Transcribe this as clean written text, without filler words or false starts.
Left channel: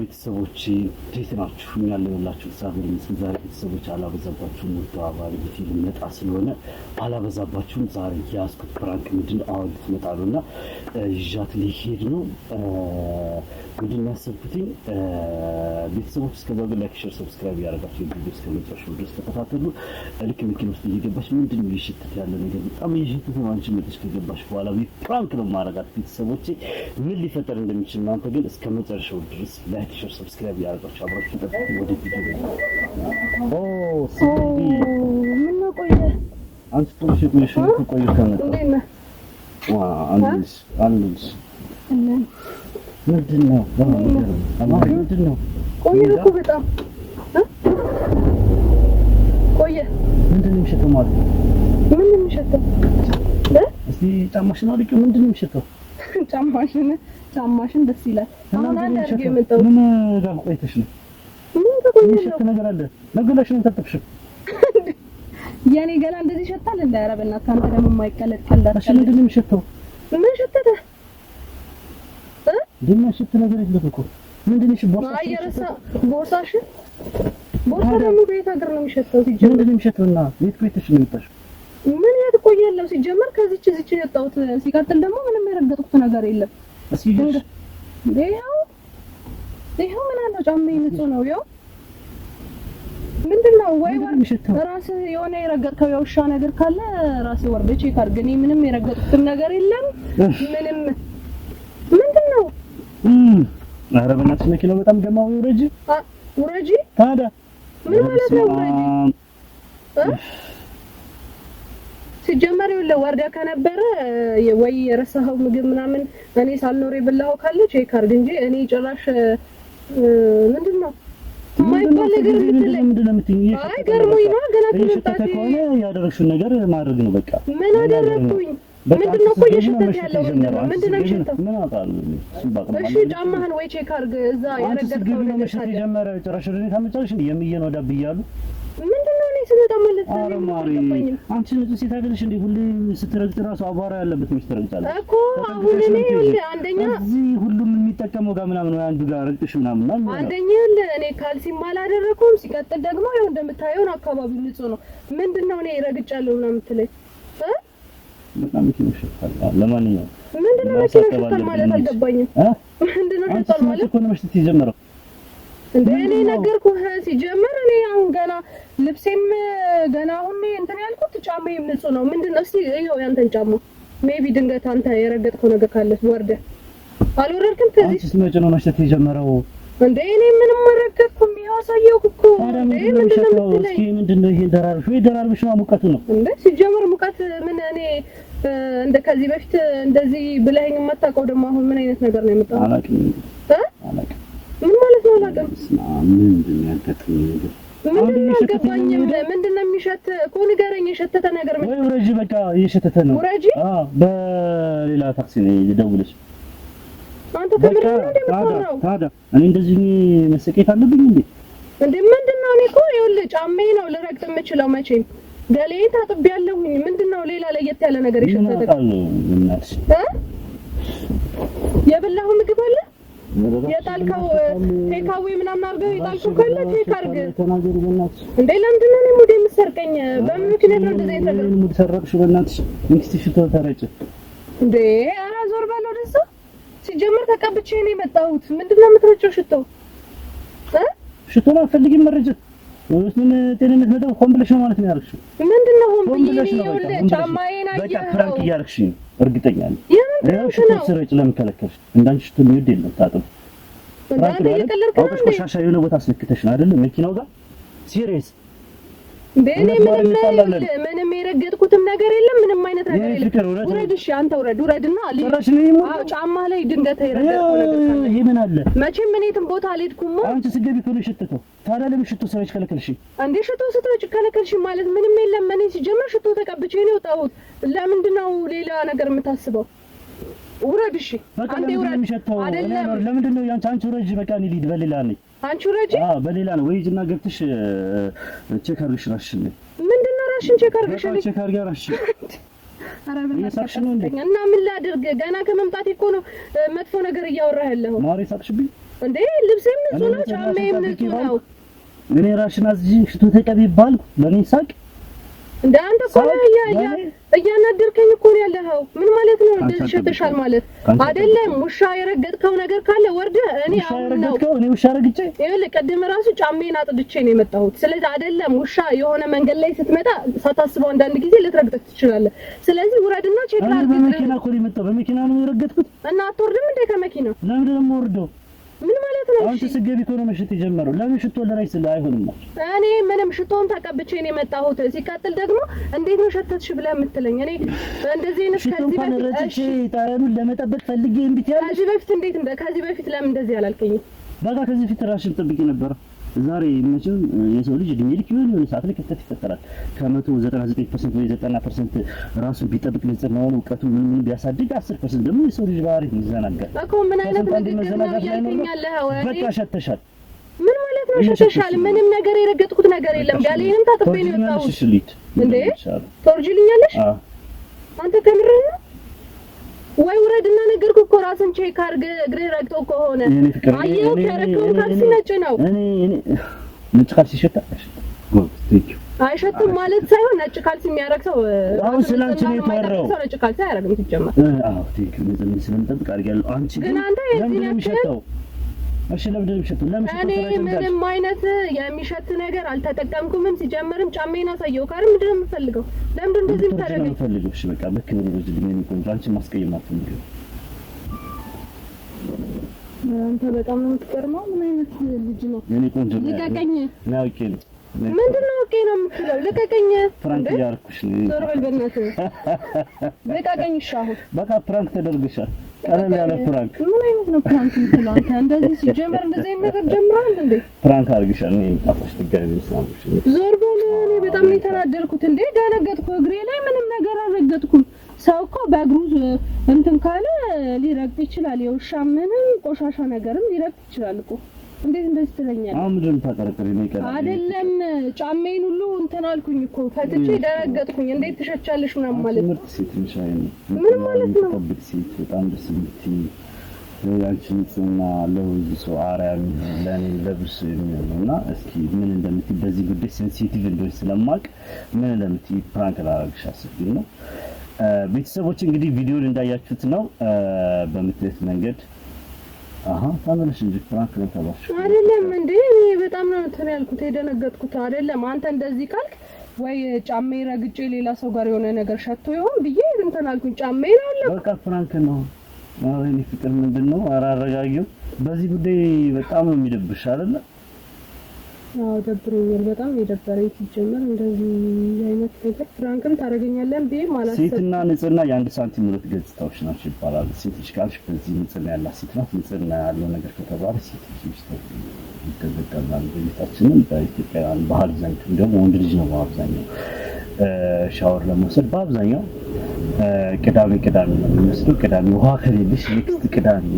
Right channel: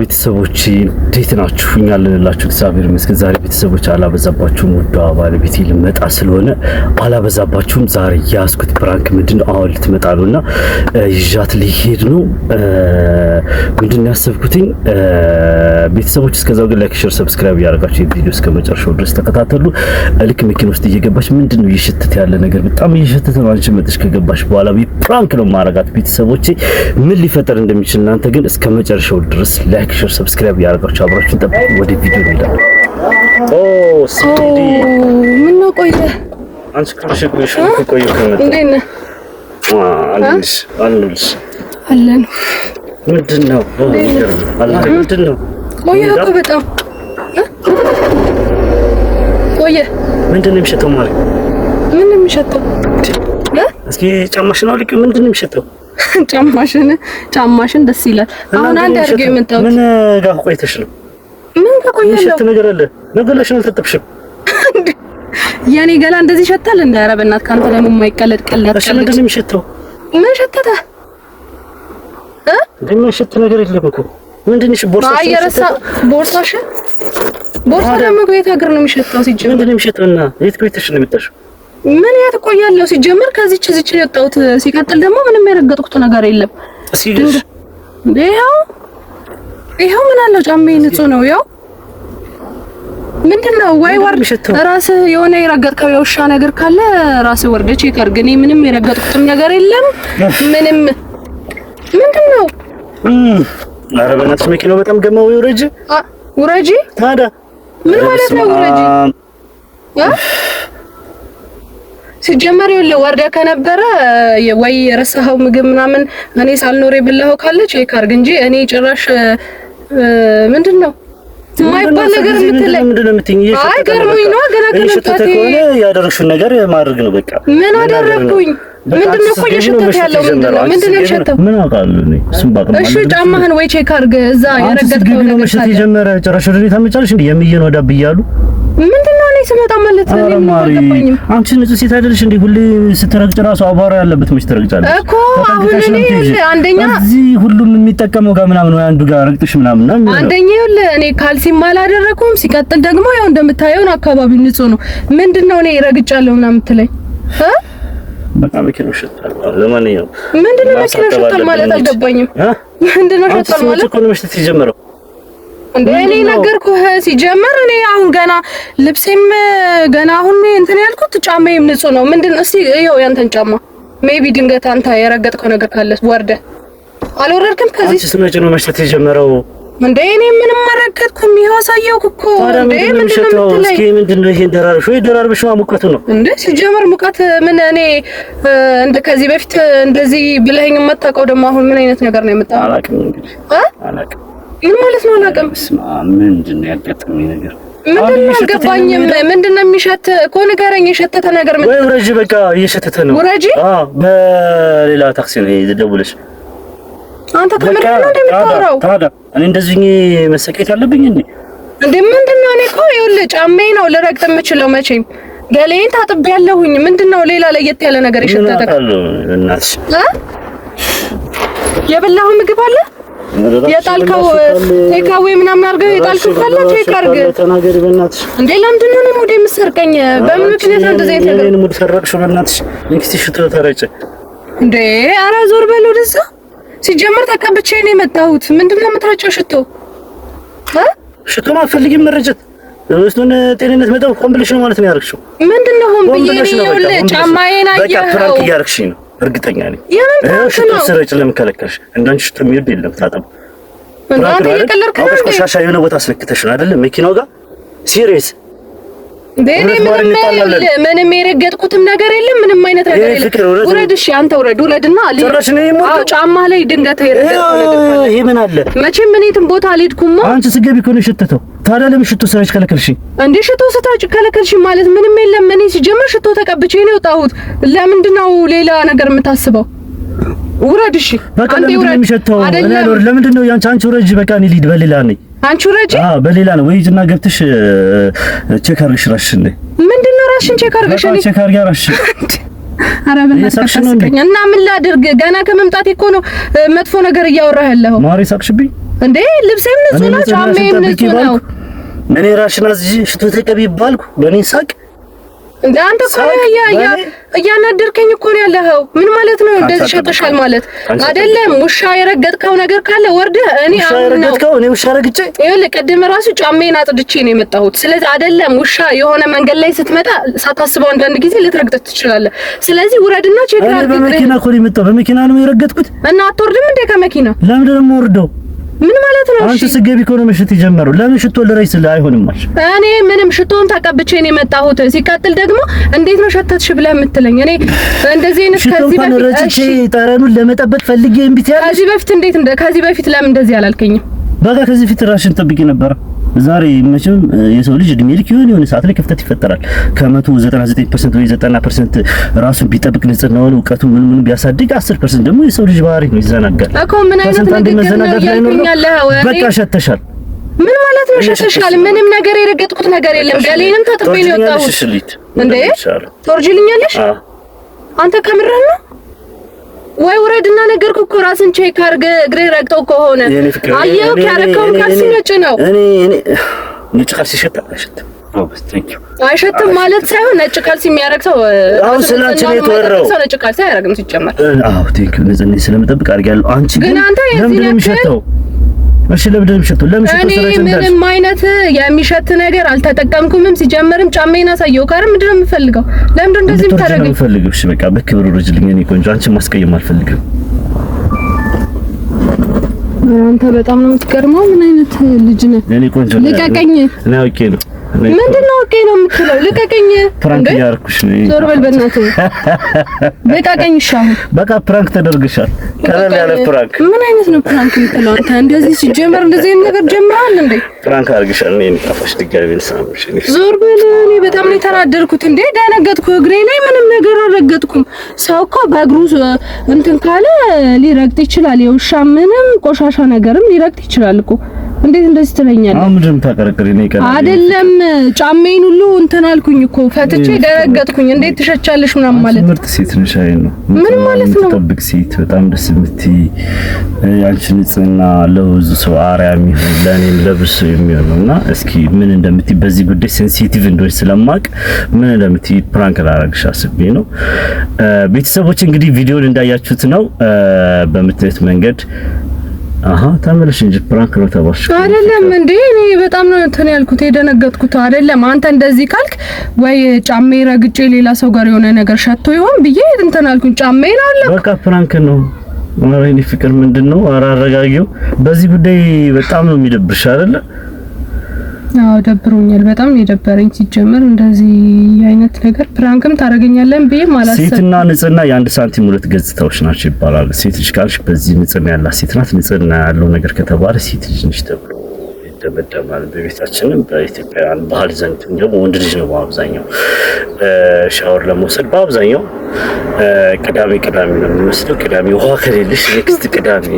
ቤተሰቦች እንዴት ናችሁ? እኛ አለንላችሁ እግዚአብሔር ይመስገን። ዛሬ ቤተሰቦች አላበዛባችሁም። ወዷ ባለቤቴ ልመጣ ስለሆነ አላበዛባችሁም። ዛሬ ያስኩት ፕራንክ ምንድነው? አሁን ልትመጣ ነውና ይዣት ሊሄድ ነው። ምንድነው ያሰብኩትኝ? ቤተሰቦች እስከዛው ግን ላይክ፣ ሼር፣ ሰብስክራይብ ያደርጋችሁ የቪዲዮ እስከ መጨረሻው ድረስ ተከታተሉ። ልክ መኪና ውስጥ እየገባች ምንድነው እየሸተተ ያለ ነገር በጣም እየሸተተ ነው። አንቺ መጥተሽ ከገባሽ በኋላ ፕራንክ ነው ማረጋት። ቤተሰቦቼ ምን ሊፈጠር እንደሚችል እናንተ ግን እስከ መጨረሻው ድረስ ላይክ ሼር ሰብስክራይብ ያደርጋችሁ አብራችሁን ጠብቁ። ወደ ቪዲዮ እንሄዳለን። ሲዲ ምን ነው ቆየ? አንቺ ከመሸሽ ቆየ ከመጣ እንዴት ነህ? አንልሽ አለን። ምንድነው ምንድነው? ቆየ እኮ በጣም ቆየ። ምንድነው የሚሸተው ማለት? ምን ነው የሚሸተው? እስኪ ጫማሽን አውልቂ። ምንድነው የሚሸተው? ጫማሽን ደስ ይላል። አሁን አንድ አድርገው የመጣው ምን ጋር ቆይተሽ ነው? ምን ከቆየለው የሚሸት ነገር አለ? ነገርሽን አልተጠብሽም። የኔ ገላ እንደዚህ ይሸታል? እንደ ኧረ በእናትህ ካንተ ደግሞ የማይቀለድ ቀለድ። እሺ ምንድነው የሚሸተው? ምን ሸተተ? ደግሞ የሸት ነገር የለም እኮ። ምንድነሽ? ቦርሳሽ? አየረሳ ቦርሳሽ? ቦርሳ ደግሞ ከየት ሀገር ነው የሚሸተው? ሲጀምር ምንድነው የሚሸተውና የት ቆይተሽ ነው የመጣሽው? ምን ያት ቆያለሁ? ሲጀመር ከዚች ነው የወጣሁት። ሲቀጥል ደግሞ ምንም የረገጥኩት ነገር የለም። እስኪ ይሄው ምን አለው? ጫማዬ ንጹህ ነው። ያው ምንድነው? ወይ ወርድ ራስህ የሆነ የረገጥከው የውሻ ነገር ካለ ራስህ ወርደህ ቼክ አድርግ። እኔ ምንም የረገጥኩት ነገር የለም። ምንም ምንድነው? ኧረ በእናትሽ መኪናው በጣም ገማው። ውረጂ ታዲያ ምን ማለት ነው? ውረጂ ሲጀመር ይኸውልህ ወርደህ ከነበረ ወይ የረሳኸው ምግብ ምናምን እኔ ሳልኖር የበላኸው ካለ ቼክ አድርግ እንጂ እኔ ጭራሽ ምንድነው የማይባል ነገር የምትለኝ? አይ ገርሞኝ ነው። ገና ከመጣቴ ከሆነ ያደረግሽው ነገር ማድረግ ነው በቃ። ምን አደረግኩኝ? ምንድነው እኮ እየሸተተ ያለው? ምንድነው የሸተተው? ምን አውቃለሁ እኔ እሱም ባቅም። እሺ ጫማህን ወይ ቼክ አድርግ። እዛ የረገጥከው ነገር መሸት የጀመረ ጭራሽ ወደ እኔ ታመጫለሽ እንዴ? የሚየን ወዳ ብያሉ ምንድነው? እኔ ስመጣ ማለት ነው የማልገባኝም። አንቺ ንጹህ ሴት አይደለሽ እንዴ? ሁሌ ስትረግጭ ራሱ አቧራ ያለበት መች ትረግጫለሽ እኮ። አሁን እኔ አንደኛ እዚህ ሁሉም የሚጠቀመው ጋር ምናምን ወይ አንዱ ጋር ረግጥሽ ምናምን ነው። አንደኛ ይኸውልህ እኔ ካልሲም አላደረኩም። ሲቀጥል ደግሞ ያው እንደምታየው አካባቢው ንጹህ ነው። ምንድነው እኔ ረግጫለሁ ምናምን የምትለኝ? በቃ መኪናው ሸታል። ለማንኛውም ምንድነው መኪናው ሸታል ማለት አልገባኝም። ምንድነው ሸታል ማለት? እኮ ነው መሽተት የጀመረው እንዴ? እኔ ነገርኩህ ሲጀመር። እኔ አሁን ገና ልብሴም ገና አሁን እንትን ያልኩት ጫማዬም ንጹህ ነው። ምንድነው? እስቲ ይኸው ያንተን ጫማ ሜቢ ድንገት አንተ የረገጥከው ነገር ካለ ወርደህ አልወረድክም? ከዚህ አንቺ ስመጭ ነው መሽተት የጀመረው እንዴ? እኔ ምንም አልረገጥኩም። ይኸው አሳየሁህ እኮ። እንዴ ምንድነው? እስኪ ምንድነው ይሄን ደራርሽ ወይ ደራርብሽ ሙቀቱ ነው እንዴ? ሲጀመር ሙቀት ምን? እኔ እንደ ከዚህ በፊት እንደዚህ ብለኸኝ የማታውቀው ደግሞ አሁን ምን አይነት ነገር ነው የመጣው? አላውቅም እንግዲህ አላውቅም። ምን ማለት ነው አላውቅም? ምንድነው ያጋጠመኝ ነገር? ምንድነው አልገባኝም። ምንድነው የሚሸት እኮ ንገረኝ። የሸተተ ነገር ምን? ወይ ውረጂ፣ በቃ እየሸተተ ነው። ውረጂ። በሌላ ታክሲ ነው የደውለሽ። አንተ ከምንድን ነው እንደምታወራው? ታዲያ እኔ እንደዚህ መሰቀየት አለብኝ እንዴ? እንዴ ምንድነው? እኔ እኮ ይኸውልህ ጫማዬ ነው ልረግጥ የምችለው። መቼም ገሌን ታጥቤያለሁኝ። ምንድነው ሌላ ለየት ያለ ነገር የሸተተ? እናትሽ የበላኸው ምግብ አለ? የጣልከው ቴካዌ ምናምን አድርገህ የጣልከው ካለ ቼክ አድርግ። ተናገሪ በእናትሽ። እንዴ ለምንድን ነው ሙድ የምትሰርቀኝ? በምን ምክንያት እንደዚህ አይነት ነገር? እኔ ሙድ ሰረቅሽ በእናትሽ። እንክቲ ሽቶ ተረጨ እንዴ? ኧረ ዞር በል ወደዛ። ሲጀመር ተቀብቼ ነው የመጣሁት። ምንድነው የምትረጨው ሽቶ? ሽቶ ማፈልጊም መረጨት ወይስቱን ጤንነት መጣው ሆን ብለሽ ነው ማለት ነው ያርክሽው? ምንድነው ሆን ብለሽ ነው? ጫማዬን አየኸው? በቃ ፕራንክ እያርክሽ ነው እርግጠኛ ነኝ። ሽቶ ስረጭ ለምን ከለከልሽ? እንዳንቺ ሽቶ የሚወድ የለም። ታጠም እንዳንተ እየቀለድክ ነው እንዴ? ቆሻሻ የሆነ ቦታ አስለክተሽ ነው አይደል? መኪናው ጋር ሲሪየስ በእኔ ምንም የረገጥኩትም ነገር የለም። ምንም አይነት ነገር የለም። ውረድ። እሺ አንተ ውረድና ጫማ ላይ ድንገት የረገጥከው ነገር ካለ ይሄ ምን አለ? መቼም ምን የትም ቦታ አልሄድኩም። አንቺ ስገቢ እኮ ነው የሸተተው። ታዲያ ለምን ሽቶ ስረጭ ከለከልሽኝ? እንዴ ሽቶ ስታጭ ከለከልሽኝ ማለት ምንም የለም። እኔ ሲጀመር ሽቶ ተቀብቼ ነው የወጣሁት። ለምንድን ነው ሌላ ነገር የምታስበው? ውረድ። እሺ አንተ ውረድ። ለምንድን ነው አንቺ ውረጅ። በቃ እኔ ልሂድ። በሌላ ነኝ። አንቺ ውረጂ። በሌላ ነው ወይ ጅና ገብተሽ ቼክ አድርገሽ ራስሽን ነይ። ምንድነው ራስሽን ቼክ አድርገሽ? እኔ ቼክ አድርጋ ራስሽን። ኧረ በእናትህ እና ምን ላድርግ? ገና ከመምጣቴ እኮ ነው መጥፎ ነገር እያወራህ ያለኸው። ማሪ ሳቅሽብኝ እንዴ ልብሴም ንጹህ ነው፣ ጫማዬም ንጹህ ነው። እኔ ራሽን አዝዤ ሽቶ ተቀቢ ባልኩ በእኔ ሳቅ እንዴ አንተ እኮ እያናደርከኝ እኮ ነው ያለኸው። ምን ማለት ነው እንደዚህ ሸተሻል ማለት አይደለም። ውሻ የረገጥከው ነገር ካለ ወርደህ እኔ ውሻ ረግጬ ይኸውልህ፣ ቅድም ራሱ ጫሜን አጥድቼ ነው የመጣሁት። ስለዚህ አይደለም ውሻ የሆነ መንገድ ላይ ስትመጣ ሳታስበው አንዳንድ ጊዜ ልትረግጥ ትችላለህ። ስለዚህ ውረድና ቼክ አድርግ። በመኪና እኮ ነው የመጣው፣ በመኪና ነው የረገጥኩት። እና አትወርድም እንዴ ከመኪና? ለምንድን ነው የምወርደው? ምን ማለት ነው? አንቺ ስገቢ እኮ ነው መሽት ይጀምራል። ለምን ሽቶ ለራይስ አይሆንም ማለት? እኔ ምንም ሽቶን ተቀብቼ ነው የመጣሁት። ሲቀጥል ደግሞ እንዴት ነው ሸተትሽ ብለህ የምትለኝ? እኔ እንደዚህ አይነት ከዚህ በፊት እሺ ጠረኑን ለመጠበቅ ፈልጌ እምቢት ያለ ከዚህ በፊት ለምን እንደዚህ አላልከኝም? በቃ ከዚህ ፊት ራስሽን ጠብቂ ነበር። ዛሬ መቼም የሰው ልጅ እድሜ ልክ የሆነ ሰዓት ላይ ክፍተት ይፈጠራል። ከ199% ወይ 90% ራሱን ቢጠብቅ ንጽህናውን እውቀቱን ምን ቢያሳድግ 10% ደግሞ የሰው ልጅ ባህሪ ነው፣ ይዘናጋል እኮ። ምን አይነት ነገር ነው ያልከኛለህ? በቃ ሸተሻል። ምን ማለት ነው ሸተሻል? ምንም ነገር የረገጥኩት ነገር የለም። ገሌንም ታጥቤ ነው የወጣሁት። እንዴ ትወርጂልኛለሽ? አንተ ከምርህ ነው ወይ? ውረድና ነገርኩ እኮ ራስን ቼክ አድርገህ እግሬ ረግጠው ከሆነ አየው ያረከው ካልሲ ነጭ ነው። እኔ ነጭ ካልሲ አይሸትም። አይሸትም ማለት ሳይሆን ነጭ ካልሲ የሚያረግ ሰው አሁን ስላንቺ ነው የተወራው። ሰው ነጭ ካልሲ አያረግም ሲጀመር። አዎ ቴንክ ዩ ነዘኔ ስለምጠብቅ አድርጊያለሁ። አንቺ ግን ለምን የሚሸተው? እሺ ለምን የሚሸተው? ለምን ሸተው? እኔ ምንም አይነት የሚሸት ነገር አልተጠቀምኩምም። ሲጀመርም ጫሜን አሳየው ካር ምንድን ነው የምፈልገው? ለምን እንደዚህ የምታደርገው? የምፈልገው እሺ በቃ በክብር ወርጅልኝ። እኔ ቆንጆ አንቺ ማስቀየም አልፈልግም። አንተ በጣም ነው የምትገርመው። ምን አይነት ልጅ ነህ? እኔ ቆንጆ ነኝ። ልቀቀኝ። እኔ አውቄ ነው። ምንድነው ኦኬ ነው የምትለው? ልቀቀኝ። ፕራንክ ያርኩሽ ነው። ዞር በል በእናትህ። ልቀቀኝ። ሻው በቃ ፕራንክ ተደርግሻል። ቀለል ያለ ፕራንክ። ምን አይነት ነው ፕራንክ የምትለው አንተ? እንደዚህ ሲጀመር እንደዚህ ነገር ጀምራል እንዴ? ፕራንክ አርግሻል። እኔ ጣፋሽ ድጋሚ ልሳምሽ። ዞር በል። እኔ በጣም ነው የተናደርኩት እንዴ። ደነገጥኩ። እግሬ ላይ ምንም ነገር አልረገጥኩም። ሰው እኮ በእግሩ እንትን ካለ ሊረግጥ ይችላል። የውሻ ምንም ቆሻሻ ነገርም ሊረግጥ ይችላል እኮ። እንዴት እንደዚህ ትለኛለህ? አሁን ምንድን ታቀረቅሪ ነው ይቀር አይደለም። ጫሜን ሁሉ እንትን አልኩኝ እኮ ፈትቼ ደረገጥኩኝ። እንዴት ትሸቻለሽ ምናምን ማለት ምርጥ ሴት ነሽ። አይ ነው ምን ማለት ነው? ተጠብቅ ሴት በጣም ደስ የምትይ አንቺ ንጽህና ለብዙ ሰው አርአያ የሚሆን ለኔም ለብዙ የሚሆን ነውና እስኪ ምን እንደምትይ በዚህ ጉዳይ ሴንሲቲቭ እንደሆነች ስለማቅ ምን እንደምትይ ፕራንክ ላደርግሽ አስቤ ነው። ቤተሰቦች እንግዲህ ቪዲዮን እንዳያችሁት ነው በምትት መንገድ ተመለሽ እንጂ ፕራንክ ነው ተባልሽ አይደለም እንዴ? እኔ በጣም ነው እንትን ያልኩት የደነገጥኩት። አይደለም አንተ እንደዚህ ካልክ ወይ ጫሜ ረግጬ ሌላ ሰው ጋር የሆነ ነገር ሸቶ ይሆን ብዬ እንትን አልኩኝ። ጫሜን አለ በቃ ፕራንክ ነው። ወይኔ ፍቅር ምንድነው? ኧረ አረጋጊው። በዚህ ጉዳይ በጣም ነው የሚደብርሽ አይደለ? አዎ ደብሮኛል። በጣም የደበረኝ ሲጀመር እንደዚህ አይነት ነገር ፕራንክም ታረጋኛለን ብዬ ማለት ነው። ሴትና ንጽህና የአንድ ሳንቲም ሁለት ገጽታዎች ናቸው ይባላል። ሴት ልጅ ካልሽ በዚህ ንጽህና ያላት ሴት ናት። ንጽህና ያለው ነገር ከተባለ ሴት ልጅ ነች ተብሎ ይደመደማል። በቤታችንም በኢትዮጵያውያን ባህል ዘንድ ደግሞ ወንድ ልጅ ነው በአብዛኛው ሻወር ለመውሰድ በአብዛኛው ቅዳሜ ነው የሚመስለው። ቅዳሜ ውሃ ከሌለሽ ኔክስት ቅዳሜ